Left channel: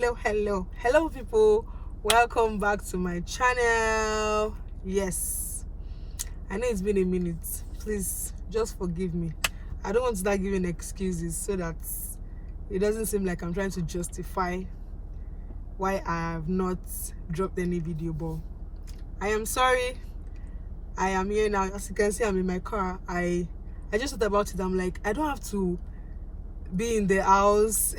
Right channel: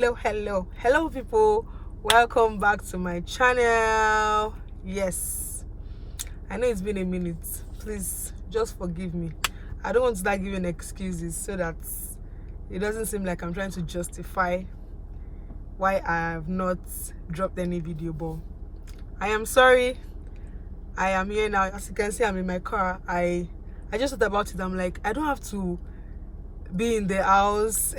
Hello people, welcome back to my channel. Yes, I know it's been a minute. Please just forgive me. I don't want to start giving excuses so that it doesn't seem like I'm trying to justify why I have not dropped any video, but I am sorry. I am here now. As you can see, I'm in my car. I just thought about it. I'm like, I don't have to be in the house,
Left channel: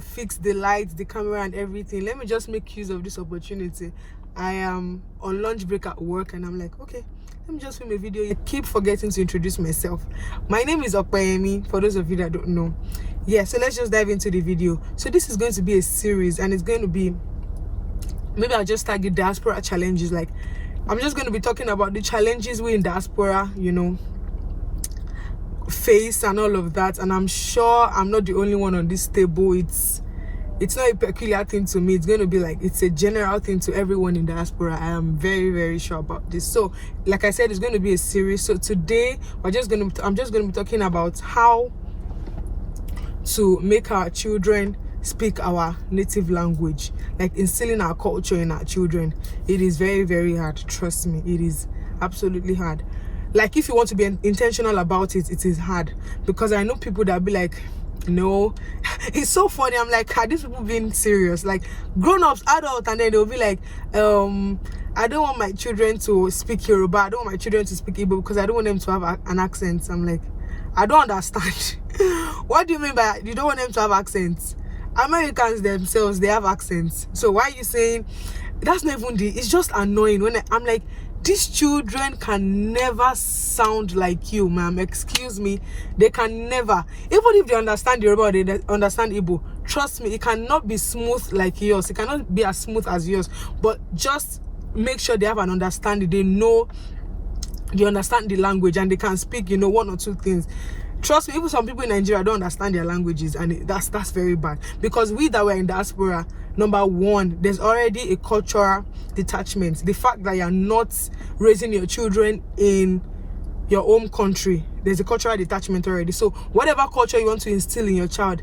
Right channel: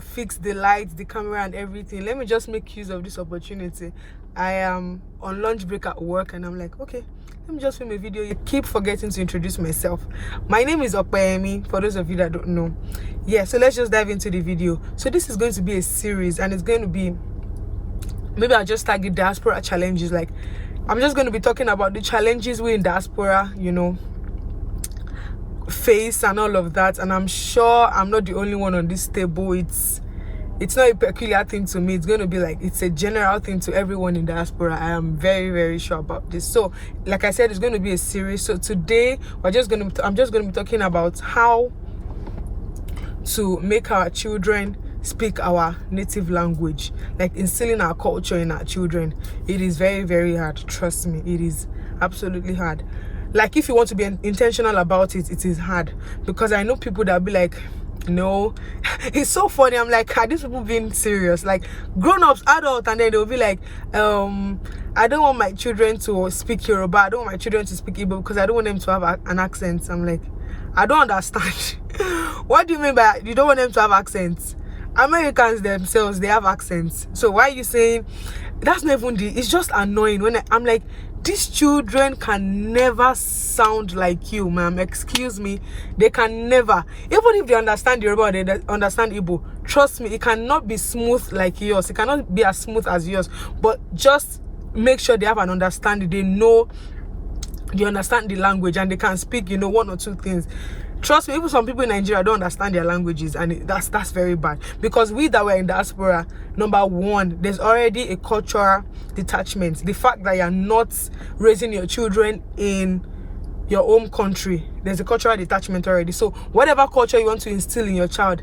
fix the lights, the camera and everything. Let me just make use of this opportunity. I am on lunch break at work and I'm like, okay, let me just film a video. I keep forgetting to introduce myself. My name is Okpeyemi, for those of you that don't know. Yeah, so let's just dive into the video. So this is going to be a series and it's going to be, maybe I'll just tag it Diaspora challenges. Like, I'm just going to be talking about the challenges we in Diaspora, face and all of that, and I'm sure I'm not the only one on this table. It's not a peculiar thing to me. It's going to be like, it's a general thing to everyone in Diaspora. I am very, very sure about this. So like I said, it's going to be a series. So today I'm just going to be talking about how to make our children speak our native language, like instilling our culture in our children. It is very, very hard. Trust me, it is absolutely hard. Like, if you want to be intentional about it, it is hard, because I know people that be like, no. It's so funny. I'm like, are these people being serious? Like, grown-ups, adults, and then they'll be like, I don't want my children to speak Yoruba, I don't want my children to speak Igbo because I don't want them to have an accent. I'm like, I don't understand. What do you mean by you don't want them to have accents? Americans themselves, they have accents. So why are you saying that's not even it's just annoying when I'm like, these children can never sound like you, ma'am. Excuse me. They can never. Even if they understand Yoruba or they understand Igbo, trust me, it cannot be smooth like yours. It cannot be as smooth as yours. But just make sure they have an understanding. They understand the language and they can speak, one or two things. Trust me, even some people in Nigeria don't understand their languages, and that's very bad. Because we that were in diaspora, number one, there's already a cultural detachment. The fact that you're not raising your children in your home country, there's a cultural detachment already. So whatever culture you want to instill in your child,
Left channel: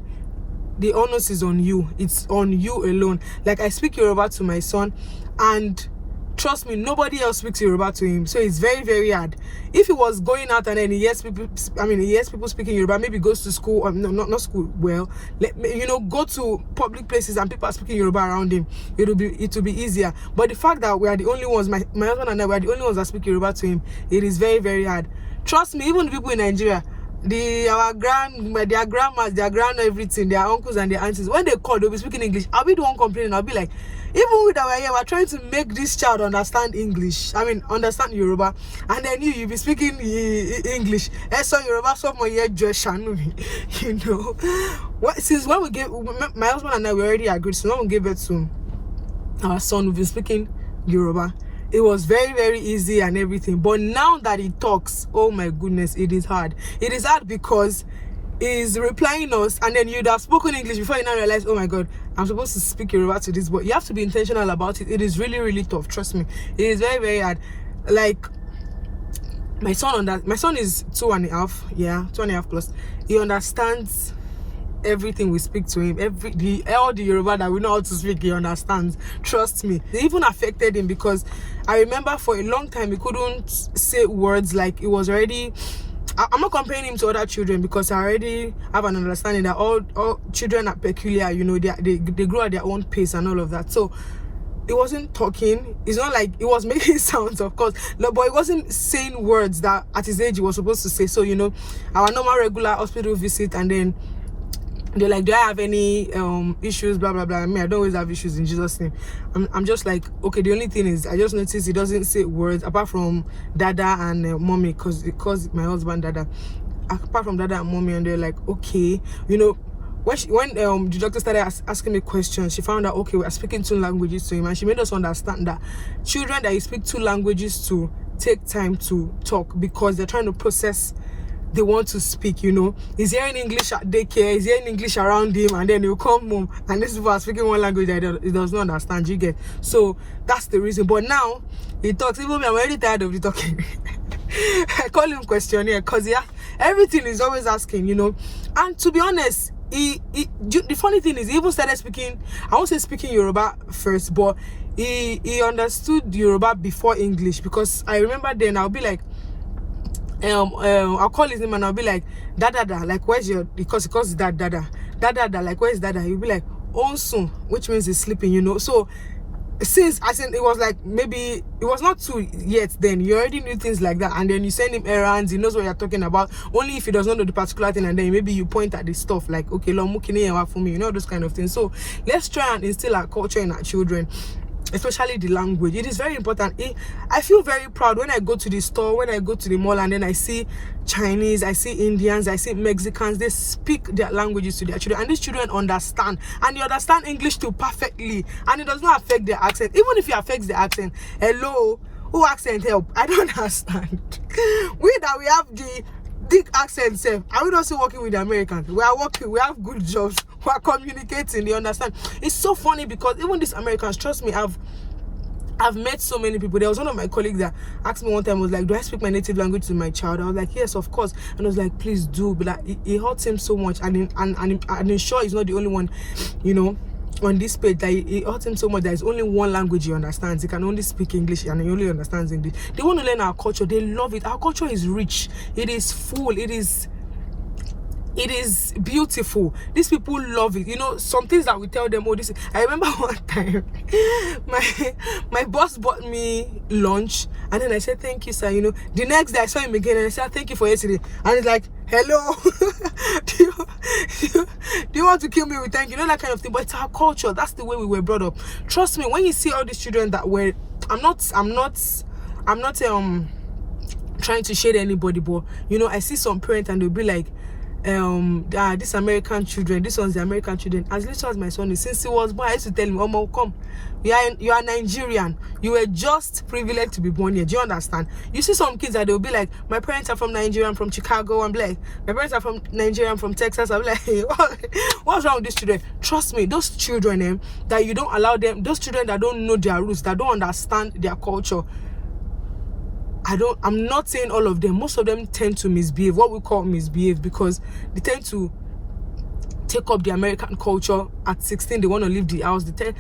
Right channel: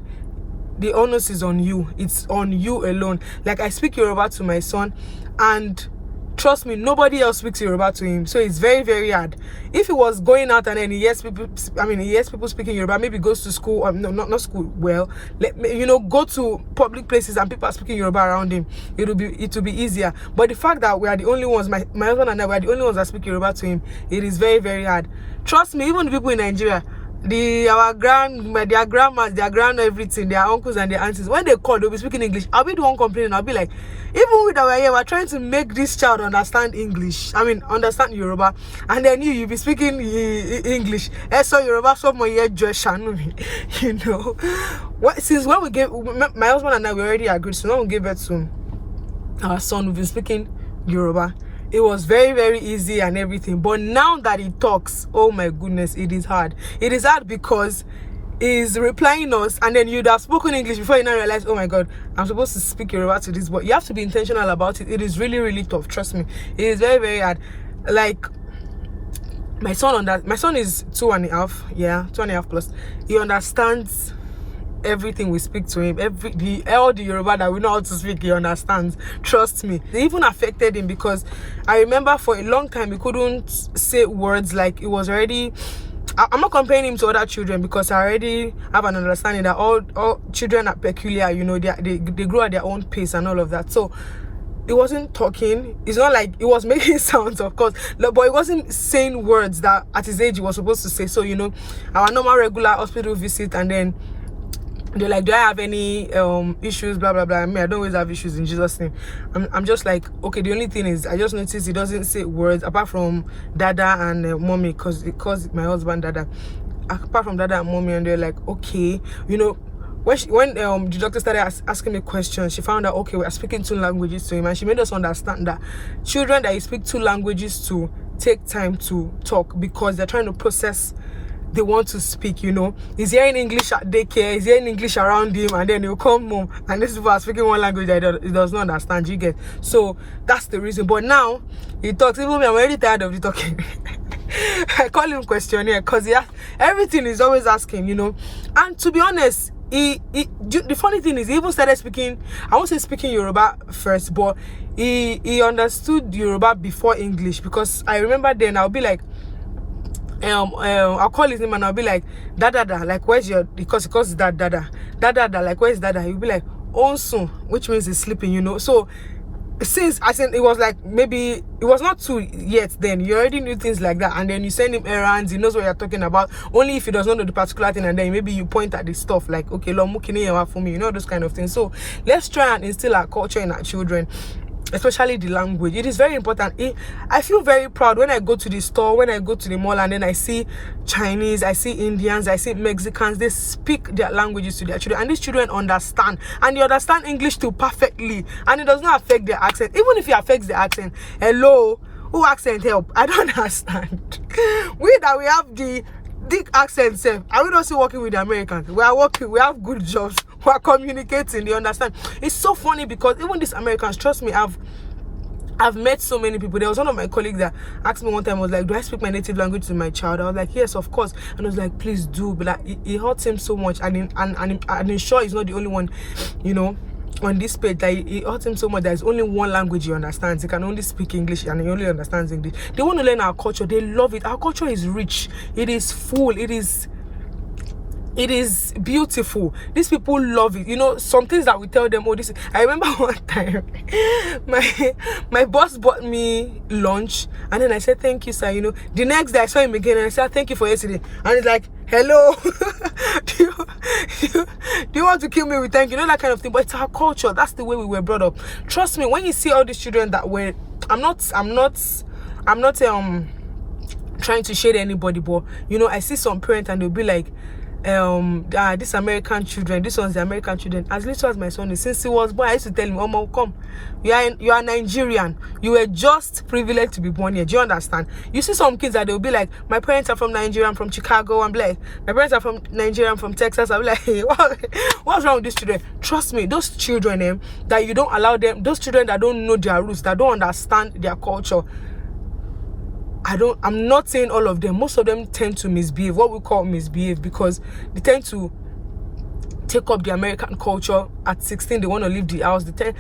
the onus is on you. It's on you alone. Like, I speak Yoruba to my son, and trust me, nobody else speaks Yoruba to him. So it's very, very hard. If he was going out and then he hears people speaking Yoruba, maybe goes to school, not school, well, go to public places and people are speaking Yoruba around him, it will be easier. But the fact that we are the only ones, my husband and I, we are the only ones that speak Yoruba to him, it is very, very hard. Trust me, even the people in Nigeria, their grandmas, their grand everything, their uncles and their aunties, when they call, they'll be speaking English. I'll be the one complaining. I'll be like, even with our here, we're trying to make this child understand English. Understand Yoruba, and then you be speaking English. So Yoruba, so since when we gave, my husband and I, we already agreed. So when we gave birth to our son, we've been speaking Yoruba. It was very, very easy and everything. But now that he talks, oh my goodness, it is hard. It is hard because he's replying us, and then you'd have spoken English before you now realize, oh my God, I'm supposed to speak Yoruba to this. But you have to be intentional about it. It is really, really tough. Trust me. It is very, very hard. Like, my son is 2.5. Yeah, 2.5 plus. He understands everything we speak to him. All the Yoruba that we know how to speak, he understands. Trust me. It even affected him, because I remember for a long time he couldn't say words. Like, it was already, I'm not comparing him to other children, because I already have an understanding that all children are peculiar. They grow at their own pace and all of that. So it wasn't talking. It's not like it was making sounds, of course, but it wasn't saying words that at his age he was supposed to say. So our normal regular hospital visit, and then they're like, do I have any issues, blah blah blah. I don't always have issues, in Jesus' name. I'm just like, okay, the only thing is I just noticed he doesn't say words apart from dada and mommy, because it calls my husband dada. Apart from dada and mommy, and they're like, okay, when the doctor started asking me questions, she found out, okay, we are speaking 2 languages to him, and she made us understand that children that you speak 2 languages to take time to talk, because they're trying to process. They want to speak, He's hearing English at daycare, he's hearing English around him, and then he'll come home and these people are speaking one language that he does not understand, you get? So that's the reason. But now he talks. Even me, I'm already tired of the talking. I call him questionnaire, because everything is always asking, And to be honest, the funny thing is, he even started speaking, I won't say speaking Yoruba first, but he understood Yoruba before English, because I remember then I'll be like, I'll call his name and I'll be like, Dada, like, where's your, because it's that Dada, like, where's Dada? He'll be like, Onsun, which means he's sleeping, you know. So since I said it was like, maybe it was not too yet, then you already knew things like that, and then you send him errands, he knows what you're talking about, only if he does not know the particular thing, and then maybe you point at the stuff like, okay, lo mukini for me, you know, those kind of things. So let's try and instill our culture in our children, especially the language. It is very important. I feel very proud when I go to the store, when I go to the mall, and then I see Chinese, I see Indians, I see Mexicans. They speak their languages to their children, and these children understand, and they understand English too perfectly, and it does not affect their accent. Even if it affects the accent, hello, who accent help? I don't understand. We have the dick accent self, and we don't see working with the Americans. We are working, we have good jobs, we are communicating, they understand. It's so funny because even these Americans, trust me, I've met so many people. There was one of my colleagues that asked me one time, was like, do I speak my native language to my child? I was like, yes, of course. And I was like, please do. But like, it hurts him so much, and I'm sure he's not the only one, you know, on this page, that it hurts him so much. There's only one language he understands. He can only speak English, and he only understands English. They want to learn our culture. They love it. Our culture is rich. It is full. It is beautiful. These people love it. You know, some things that we tell them, oh, this is... I remember one time my boss bought me lunch, and then I said, thank you, sir. You know, the next day I saw him again, and I said, thank you for yesterday. And he's like, hello, do you want to kill me with thank you? You know, that kind of thing. But it's our culture. That's the way we were brought up. Trust me, when you see all these children that were... I'm not trying to shade anybody, but you know, I see some parents and they'll be like, this American children, this one's the American children. As little as my son is, since he was born, I used to tell him, Omo, come, you are Nigerian, you were just privileged to be born here. Do you understand? You see some kids that they'll be like, my parents are from Nigeria, I'm from Chicago. I'm like, my parents are from Nigeria, I'm from Texas. I'm like, hey, what's wrong with these children? Trust me, those children that you don't allow them, those children that don't know their roots, that don't understand their culture, I'm not saying all of them, most of them tend to misbehave, what we call misbehave, because they tend to take up the American culture. At 16 they want to leave the house. They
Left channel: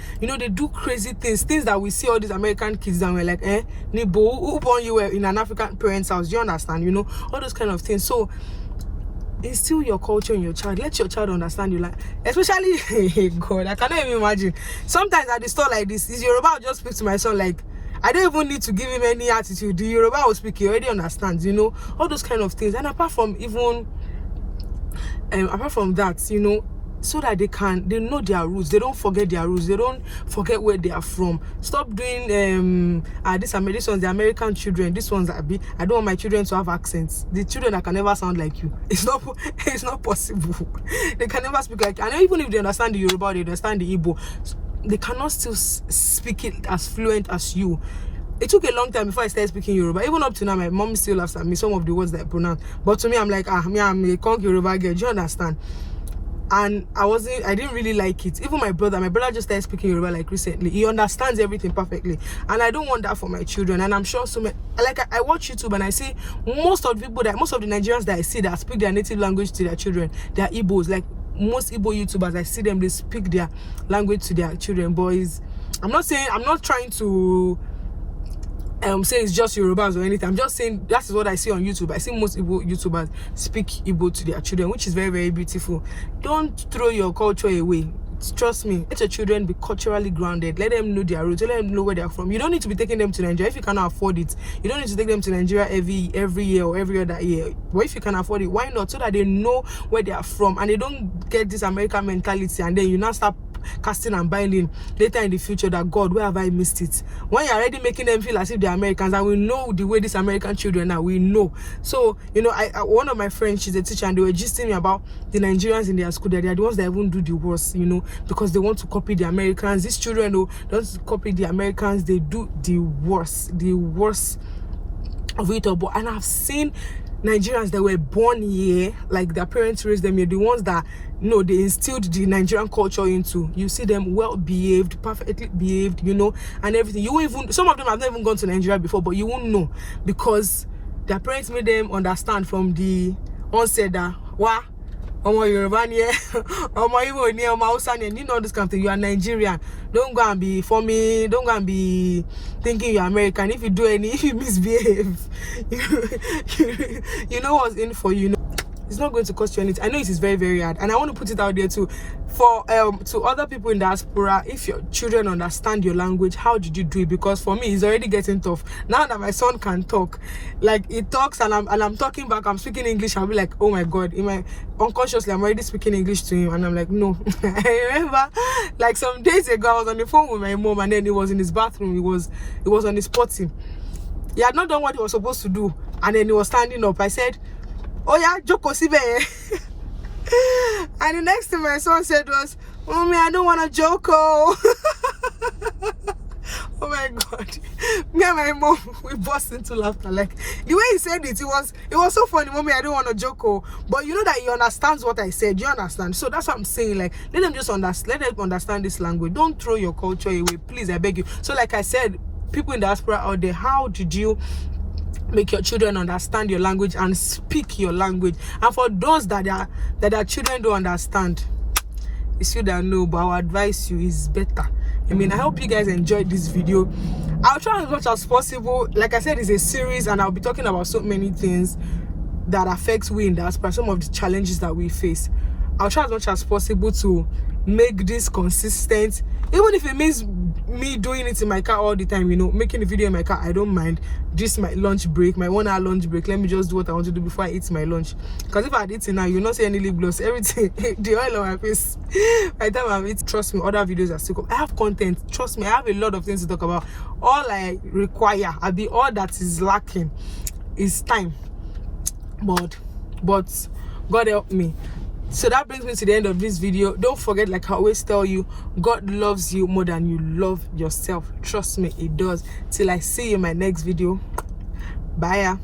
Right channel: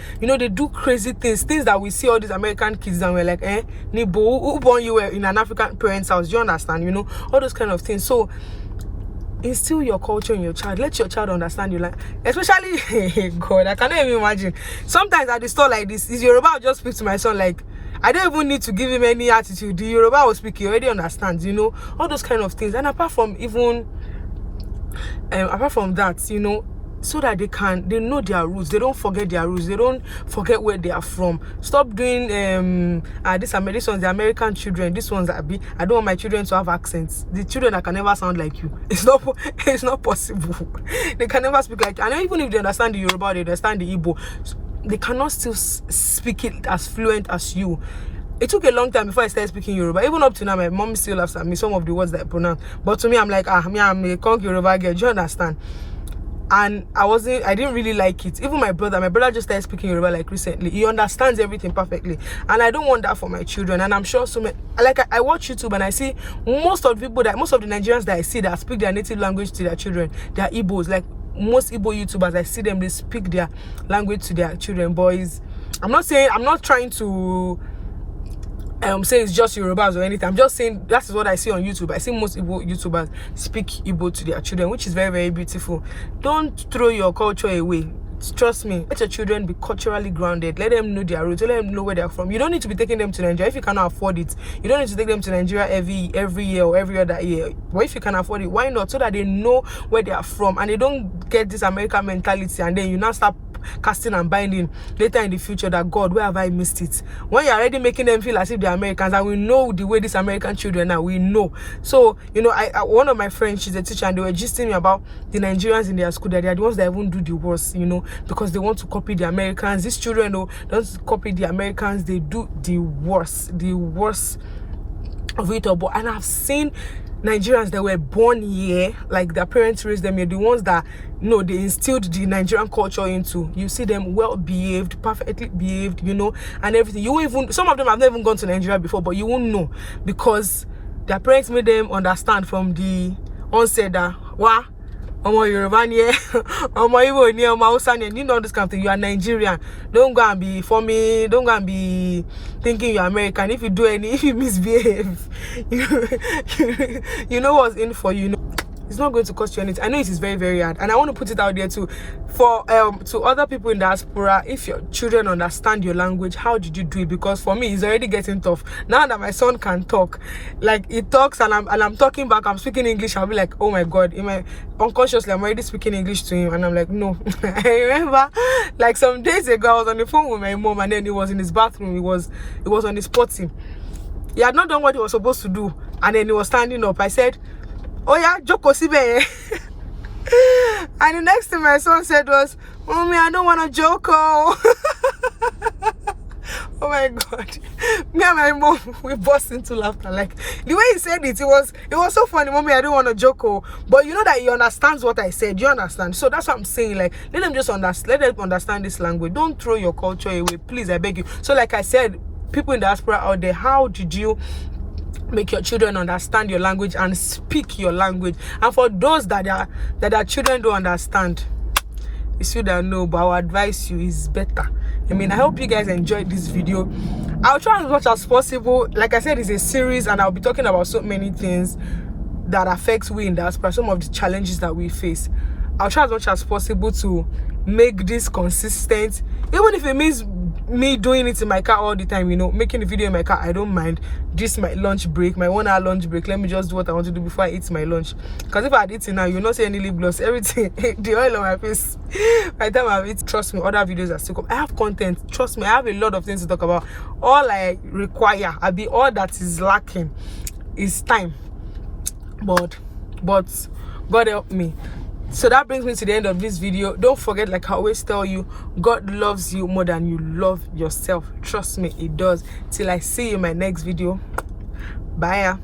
do crazy things that we see all these American kids and we're like, Nibo, who born you in an African parent's house? Do you understand? You know, all those kind of things. So instill your culture in your child. Let your child understand you, like, especially God, I cannot even imagine. Sometimes at the store like this, is Yoruba, I'll just speak to my son like, I don't even need to give him any attitude. The Yoruba will speak, he already understands, you know, all those kind of things. And apart from that, you know, so that they know their roots, they don't forget their roots, they don't forget where they are from. Stop doing this one's the American children, this one's I don't want my children to have accents. The children that can never sound like you, it's not possible. They can never speak like you. And even if they understand the Yoruba, they understand the Igbo, they cannot still speak it as fluent as you. It took a long time before I started speaking Yoruba. Even up to now, my mom still laughs at me, some of the words that I pronounce. But to me, I'm like, I'm a conk Yoruba girl. Do you understand? And I didn't really like it. Even my brother just started speaking Yoruba like recently. He understands everything perfectly. And I don't want that for my children. And I'm sure I watch YouTube and I see most of the Nigerians that I see that speak their native language to their children, they're Igbos. Like most Igbo YouTubers, I see them, they speak their language to their children. Boys, I'm not trying to say it's just Yorubas or anything. I'm just saying that is what I see on YouTube. I see most Igbo YouTubers speak Igbo to their children, which is very, very beautiful. Don't throw your culture away. Trust me, let your children be culturally grounded. Let them know their roots. Let them know where they're from. You don't need to be taking them to Nigeria if you cannot afford it. You don't need to take them to Nigeria every year or every other year. But if you can afford it, why not? So that they know where they are from and they don't get this American mentality, and then you now start casting and binding later in the future that, God, where have I missed it? When you're already making them feel as if they're Americans, and we know the way these American children are, we know. So, you know, one of my friends, she's a teacher, and they were gisting me about the Nigerians in their school, that they are the ones that even do the worst, you know, because they want to copy the Americans. These children, though, don't copy the Americans, they do the worst of it all. And I've seen Nigerians that were born here, like their parents raised them here, the ones that, you know, they instilled the Nigerian culture into. You see them well behaved, perfectly behaved, you know, and everything. Some of them have never even gone to Nigeria before, but you won't know because their parents made them understand from the onset that, Yoruba here, Igbo here, Hausa here, you know this kind of thing. You are Nigerian. Don't go and be funny. Don't go and be thinking you're American. If you misbehave, you know what's in for you. It's not going to cost you anything. I know it is very, very hard, and I want to put it out there too for to other people in diaspora. If your children understand your language, how did you do it? Because for me, it's already getting tough now that my son can talk. Like, he talks and I'm talking back. I'm speaking English. I'll be like, oh my god, unconsciously I'm already speaking English to him, and I'm like, no. I remember like some days ago I was on the phone with my mom, and then he was in his bathroom. He was on his potty. He had not done what he was supposed to do, and then he was standing up. I said, oh yeah, Joko Sibe. And the next thing my son said was, Mommy, I don't want to Joko. Oh my god. Me and my mom, we burst into laughter. Like, the way he said it, it was so funny. Mommy, I don't want to Joko. But you know that he understands what I said. You understand? So that's what I'm saying. Like, let them understand this language. Don't throw your culture away, please, I beg you. So like I said, people in the diaspora out there, how did you make your children understand your language and speak your language? And for those that their children don't understand, it's you that know, but I would advise you is better. I mean, I hope you guys enjoyed this video. I'll try as much as possible. Like I said, it's a series, and I'll be talking about so many things that affect we in diaspora, some of the challenges that we face. I'll try as much as possible to make this consistent, even if it means me doing it in my car all the time, you know, making a video in my car. I don't mind. This my lunch break, my 1 hour lunch break. Let me just do what I want to do before I eat my lunch. Because if I had eaten now, you'll not see any lip gloss, everything, the oil on my face. By the time I've eaten, trust me, other videos are still come. I have content, trust me, I have a lot of things to talk about. All I require, all that is lacking is time. But God help me. So that brings me to the end of this video. Don't forget, like I always tell you, God loves you more than you love yourself. Trust me, it does. Till I see you in my next video. Bye.